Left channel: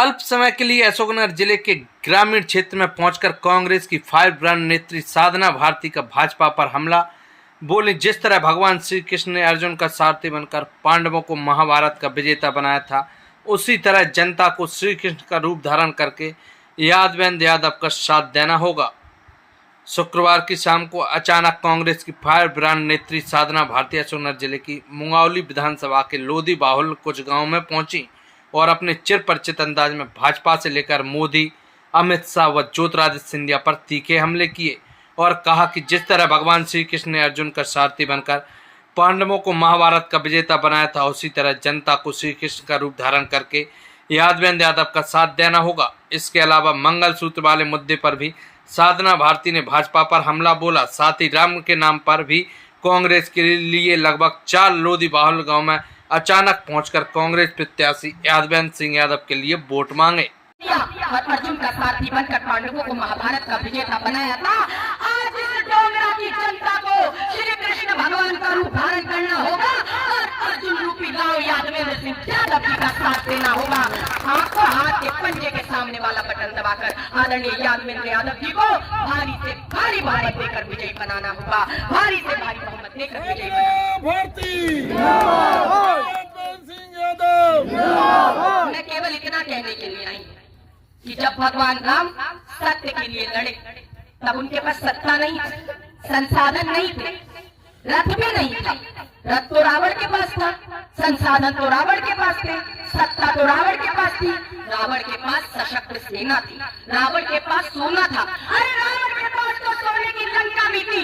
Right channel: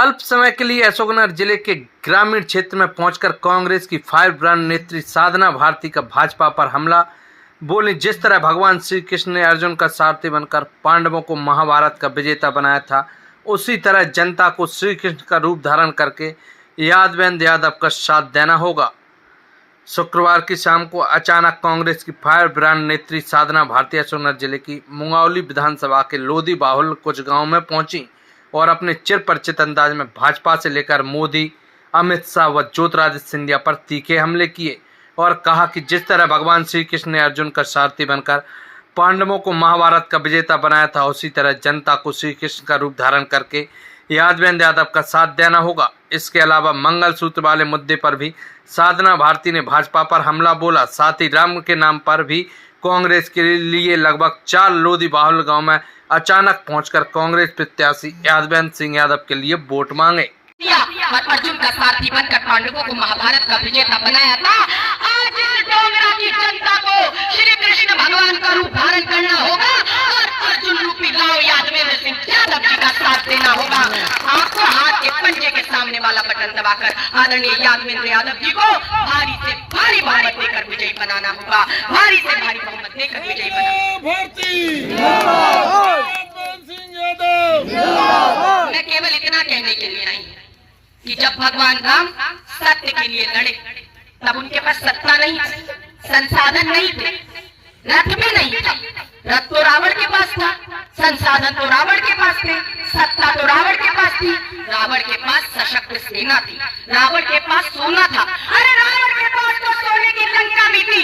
अल्प समय के लिए अशोकनगर जिले के ग्रामीण क्षेत्र में पहुंचकर कांग्रेस की फायर ब्रांड नेत्री साधना भारती का भाजपा पर हमला। बोली, जिस तरह भगवान श्री कृष्ण ने अर्जुन का सारथी बनकर पांडवों को महाभारत का विजेता बनाया था, उसी तरह जनता को श्री कृष्ण का रूप धारण करके यादवेंद्र यादव का साथ देना होगा। शुक्रवार की शाम को अचानक कांग्रेस की फायर ब्रांड नेत्री साधना भारती अशोकनगर जिले की मुंगावली विधानसभा के लोधी बाहुल कुछ गांव में पहुंची और अपने चिर परिचित अंदाज में भाजपा से लेकर मोदी, अमित शाह व ज्योतिरादित्य सिंधिया पर तीखे हमले किए और कहा कि जिस तरह भगवान श्री कृष्ण ने अर्जुन का सारथी बनकर पांडवों को महाभारत का विजेता बनाया था, उसी तरह जनता को श्री कृष्ण का रूप धारण करके यादवेंद्र यादव का साथ देना होगा। इसके अलावा मंगलसूत्र वाले मुद्दे पर भी साधना भारती ने भाजपा पर हमला बोला। साथ ही राम के नाम पर भी कांग्रेस के लिए लगभग 4 लोधी बाहुल गांव में अचानक पहुंचकर कांग्रेस प्रत्याशी यादवेंद्र सिंह यादव के लिए वोट मांगे। अर्जुन का सारथी बनकर पांडवों को महाभारत का विजेता बनाया था। आज इस डोंगरा की जनता को श्री कृष्ण भगवान का रूप धारण करना होगा और अर्जुन रूपी गांव यादवेंद्र सिंह यादव जी का साथ देना होगा। आपको हाथ के पंजे के सामने वाला बटन दबाकर आदरणीय यादवेंद्र यादव जी को भारी से भारी बहुमत देकर विजयी बनाना होगा। भारी से भारी बहुमत देकर विजयी मैं केवल इतना कहने के लिए आई कि जब भगवान राम सत्य के लिए लड़े तब उनके पास सत्ता नहीं थी, संसाधन नहीं थे, रथ भी नहीं था। रथ तो रावण के पास था, संसाधन तो रावण के पास थे, सत्ता तो रावण के पास थी। रावण के पास सशक्त सेना थी, रावण के पास सोना था। अरे रावण के पास तो सोने की लंका भी थी,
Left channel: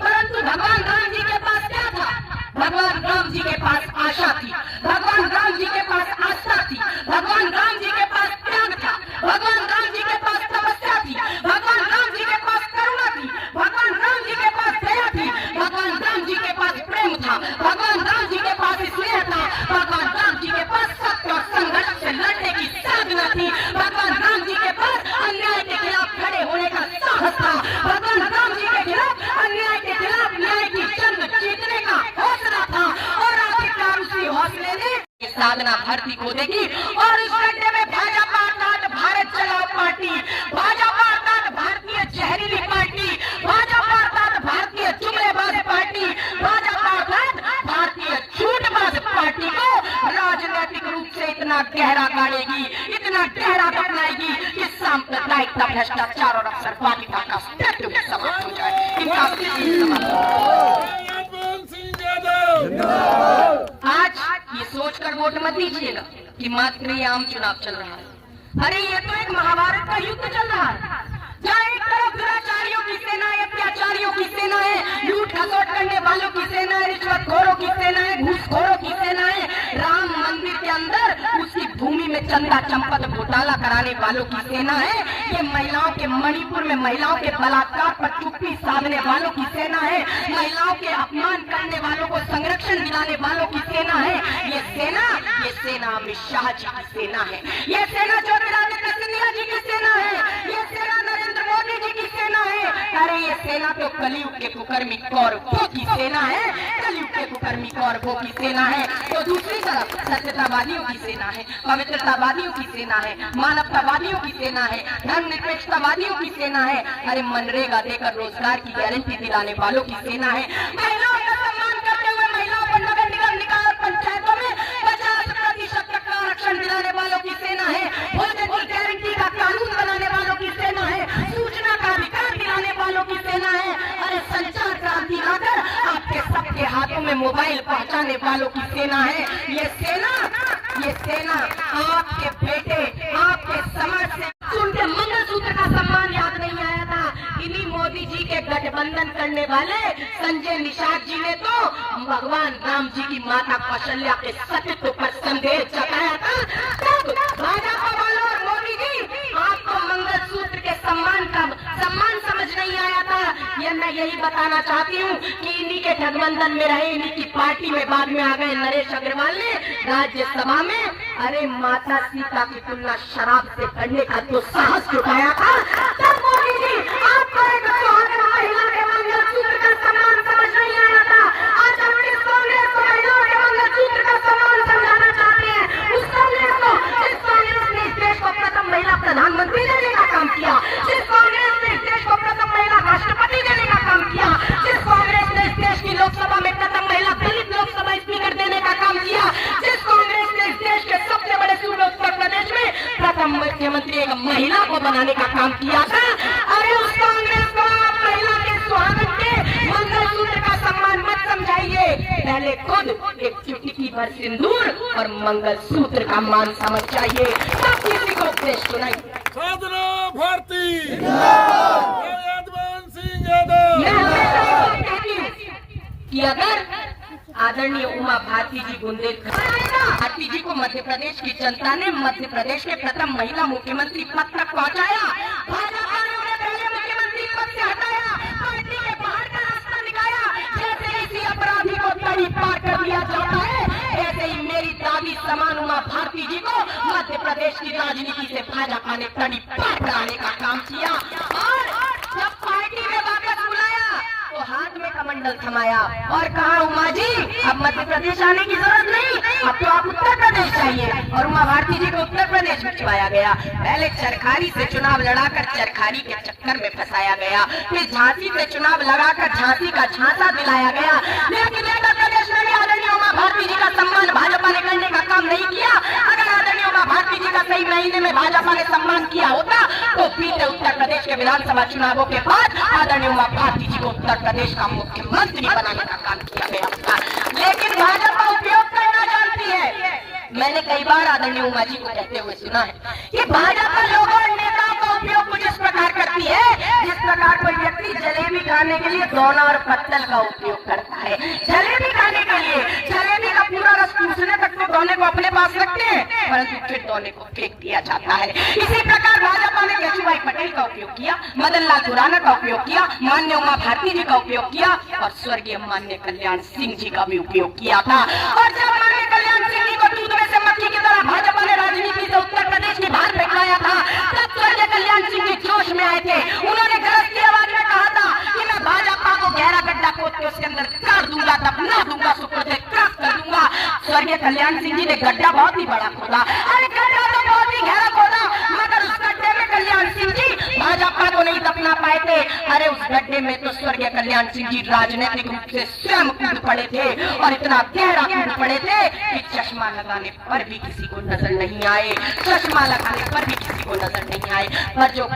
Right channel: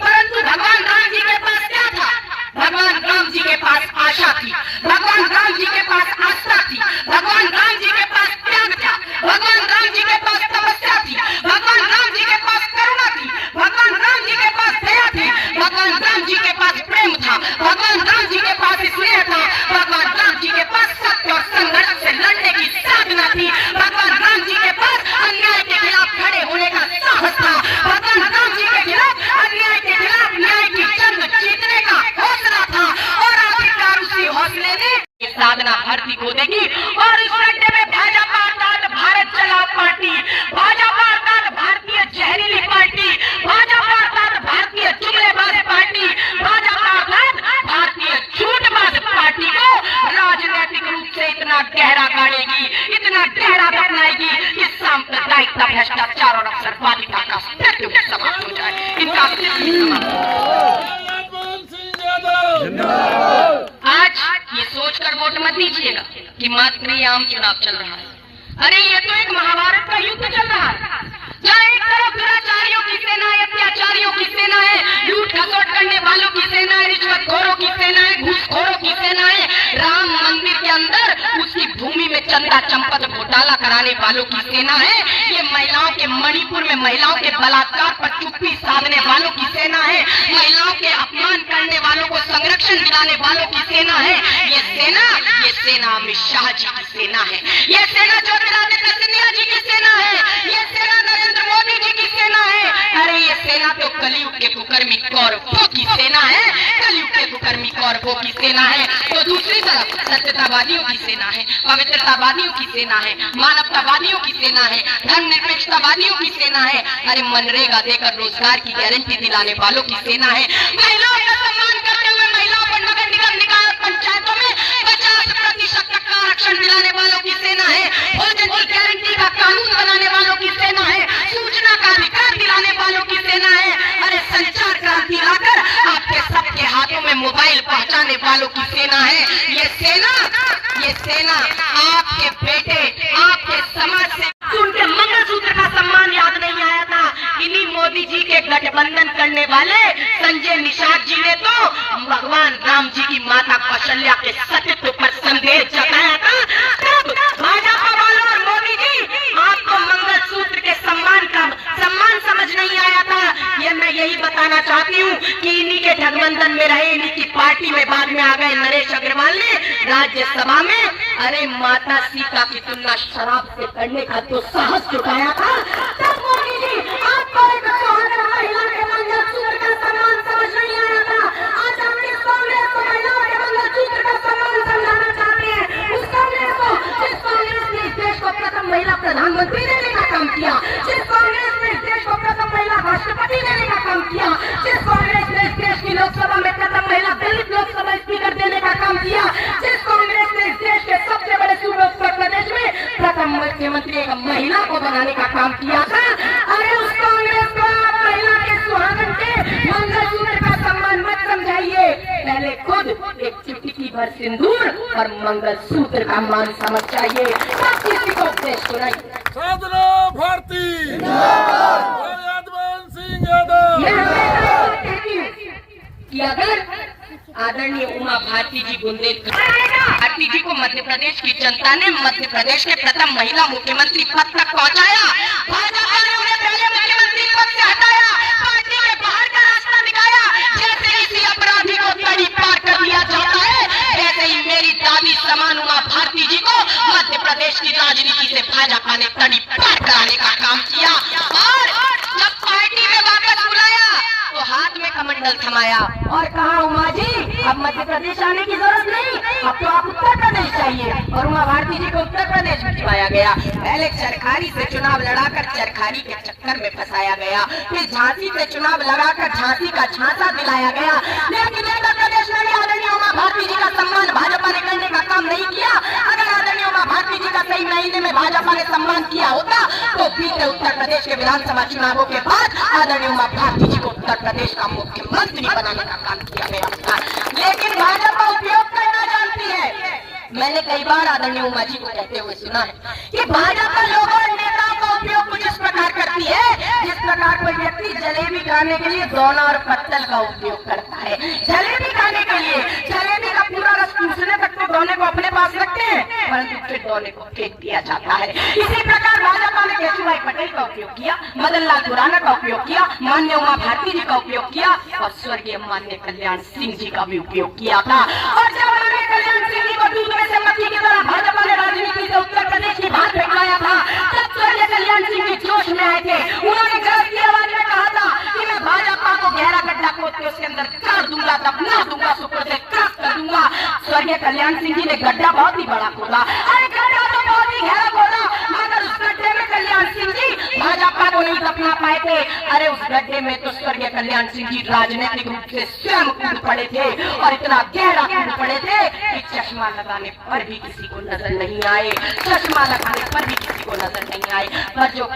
परंतु भगवान राम जी के पास क्या था? भगवान राम जी के पास आशा थी, भगवान राम जी के पास आस्था थी, भगवान राम जी के पास त्याग था, भगवान राम जी के पास तपस्या थी, भगवान राम जी के पास करुणा थी, भगवान राम जी के पास दया थी, भगवान राम जी के पास प्रेम था, भगवान राम जी के पास स्नेह था, भगवान राम जी के पास सत्य और संघर्ष से लड़ने की साधना थी, भगवान राम जी के पास अन्याय के खिलाफ खड़े होने का साहस था, भगवान राम जी के खिलाफ अन्याय के खिलाफ न्याय की जंग जीतने का हौसला था। और आखिरकार उसी हौसले ने साधना भारती को देखी और इस लड़ने में भाजपा अर्थात भारत चलाओ पार्टी, भाजपा अर्थात भारतीय जहरीली पार्टी, भाजपा अर्थात भारतीय चुगलेबाज पार्टी, भाजपा अर्थात भारतीय झूठबाज पार्टी को राजनीतिक रूप से इतना गहरा गाड़ेगी, इतना गहरा दफनाएगी कि सांप्रदायिकता, भ्रष्टाचार और अवसरवादिता का अस्तित्व समाप्त हो जाए। इनका आज ये सोचकर वोट मत दीजिएगा कि मात्र ये आम चुनाव चल रहा है। अरे ये तो एक महाभारत का युद्ध चल रहा है, जहाँ एक तरफ दुराचारियों की सेना है, अत्याचारियों की सेना है, लूट खसोट करने वालों की सेना है, रिश्वतखोरों की सेना है, घूसखोरों की सेना है, राम मंदिर के अंदर उसकी भूमि में चंदा चंपत घोटाला कराने वालों की सेना है, ये महिलाओं के मणिपुर में महिलाओं के बलात्कार पर चुप्पी साधने वालों की सेना है, महिलाओं के अपमान करने वालों को संरक्षण दिलाने वालों की सेना है। ये सेना अमित शाह जी की सेना है, ये सेना ज्योतिरादित्य सिंधिया जी की सेना है, ये सेना नरेंद्र मोदी जी की सेना है। अरे ये सेना तो कलयुग के कुकर्मी कौरवों की सेना है, कलयुग के कुकर्मी कौरवों की सेना है। तो दूसरी तरफ सत्यतावादियों की सेना है, पवित्रतावादियों की सेना है, मानवतावादियों की सेना है, धर्मनिरपेक्षतावादियों की सेना है। अरे मनरेगा देकर रोजगार की गारंटी दिलाने वालों की सेना है। महिलाओं का सम्मान करते हुए महिलाओं को नगर निगम निकाय पंचायतों में 50% तक का आरक्षण दिलाने वालों की सेना है। भोजन की गारंटी का कानून बनाने वालों की सेना है, सूचना का अधिकार दिलाने वालों की सेना है। अरे संचार क्रांति लाकर आपके सबके हाथों में मोबाइल पहुंचाने वालों की सेना है। ये सेना आपके बेटे, आपके समाज से उनके मंगलसूत्र का सम्मान याद नहीं आया था। इन्हीं मोदी जी के गठबंधन करने वाले संजय निषाद जी ने तो भगवान राम जी की माता कौशल्या के सत्यत्व पर संदेह जताया था। तब भाजपा वालों और मोदी जी आपको मंगलसूत्र के सम्मान समझ नहीं आया था। ये मैं यही बताना चाहती हूँ कि इन्हीं के गठबंधन में रहे, इन्हीं की पार्टी में बाद में आ गए नरेश अग्रवाल ने राज्यसभा में अरे माता सीता की तुलना शराब से करने का जो साहस जुटाया था। तब मोदी जी आपको एक सुहागन महिला के मंगलसूत्र का सम्मान समझ नहीं आया था। आज आप किस कांग्रेस को महिलाओं के मंगलसूत्र का सम्मान समझाना चाहते हैं? उस कांग्रेस को, जिस कांग्रेस ने इस देश को प्रथम मुख्यमंत्री एक महिला को बनाने का काम किया था। अरे उस कांग्रेस को आप महिला के सुहागन के मंगलसूत्र का सम्मान मत समझाइए, पहले खुद एक चुटकी भर सिंदूर और मंगलसूत्र का मान समझ चाहिए, तब किसी को उपदेश सुनाइए। साधना भारती यादवान सिंह यादव। मैं हमेशा कहती हूँ कि अगर आदरणीय उमा भारती जी बुंदेलखंड भारती जी को मध्य प्रदेश की जनता ने मध्य प्रदेश के प्रथम महिला मुख्यमंत्री पद तक पहुंचाया, भाजपा ने उन्हें पहले मुख्यमंत्री पद से हटाया, पार्टी के बाहर का रास्ता दिखाया। जैसे इसी अपराधी को तड़ी पार कर लिया जाता है, ऐसे ही मेरी दादी समान उमा भारती जी को मध्य प्रदेश की राजनीति से भाजपा ने तड़ी पार कराने का काम किया। और जब पार्टी में वापस बुलाया तो हाथ में कमंडल थमाया और कहा, उमा जी अब मध्य प्रदेश आने की जरूरत नहीं, अब तो आप उत्तर प्रदेश चाहिए। और उमा भारती जी को उत्तर प्रदेश भिजवाया गया। पहले चरखारी से चुनाव लड़ाकर चरखारी के चक्कर में फंसाया गया, फिर झांसी से चुनाव लड़ाकर झांसी का झांसा दिलाया गया। लेकिन उत्तर प्रदेश में आदरणीय उमा भारती जी का सम्मान भाजपा ने करने का काम नहीं किया। अगर आदरणीय उमा भारती जी का सही महीने में भाजपा ने सम्मान किया होता तो बीते उत्तर प्रदेश के विधानसभा चुनावों के बाद आदरणीय उमा भारती जी को उत्तर प्रदेश का मुख्यमंत्री बनाने का काम किया गया था। लेकिन भाजपा उपयोग करना जानती है। मैंने कई बार आदरणीय उमा जी को कहते हुए सुना है कि भाजपा लोगों और नेताओं का उपयोग कुछ इस प्रकार करती है जिस प्रकार कोई व्यक्ति जलेबी खाने के लिए दोना और पत्तल का उपयोग करता है। जलेबी खाने के लिए जलेबी का पूरा रस चूसने तक तो दोने को अपने पास रखते हैं, परंतु फिर दोने को फेंक दिया जाता है। इसी प्रकार भाजपा ने केशुभाई पटेल का उपयोग किया, मदन लाल खुराना का उपयोग किया, माननीय उमा भारती जी का उपयोग किया और स्वर्गीय माननीय कल्याण सिंह जी का भी उपयोग किया था। और जब माननीय कल्याण सिंह जी को दूध में से मक्खी की तरह भाजपा ने राजनीति से उत्तर प्रदेश की बाहर फेंकाया था, तब स्वर्गीय कल्याण सिंह जी जोश में आए थे। उन्होंने गरज की आवाज में कहा था कि मैं भाजपा को गहरा गड्ढा खोद के उसके अंदर काट दूंगा, दफना दूंगा, सुपर से काट कर दूंगा। स्वर्गीय कल्याण सिंह जी ने गड्ढा बहुत ही बड़ा खोदा। अरे गड्ढा तो बहुत ही गहरा खोदा, मगर उस गड्ढे में कल्याण सिंह जी भाजपा को नहीं दफना पाए थे। अरे उस गड्ढे में तो स्वर्गीय कल्याण सिंह जी राजनीतिक रूप से स्वयं कूद पड़े थे और इतना गहरा कूद पड़े थे कि चश्मा लगाने पर भी किसी को नजर नहीं आए, चश्मा लगाने पर भी किसी को नजर नहीं आए। पर जो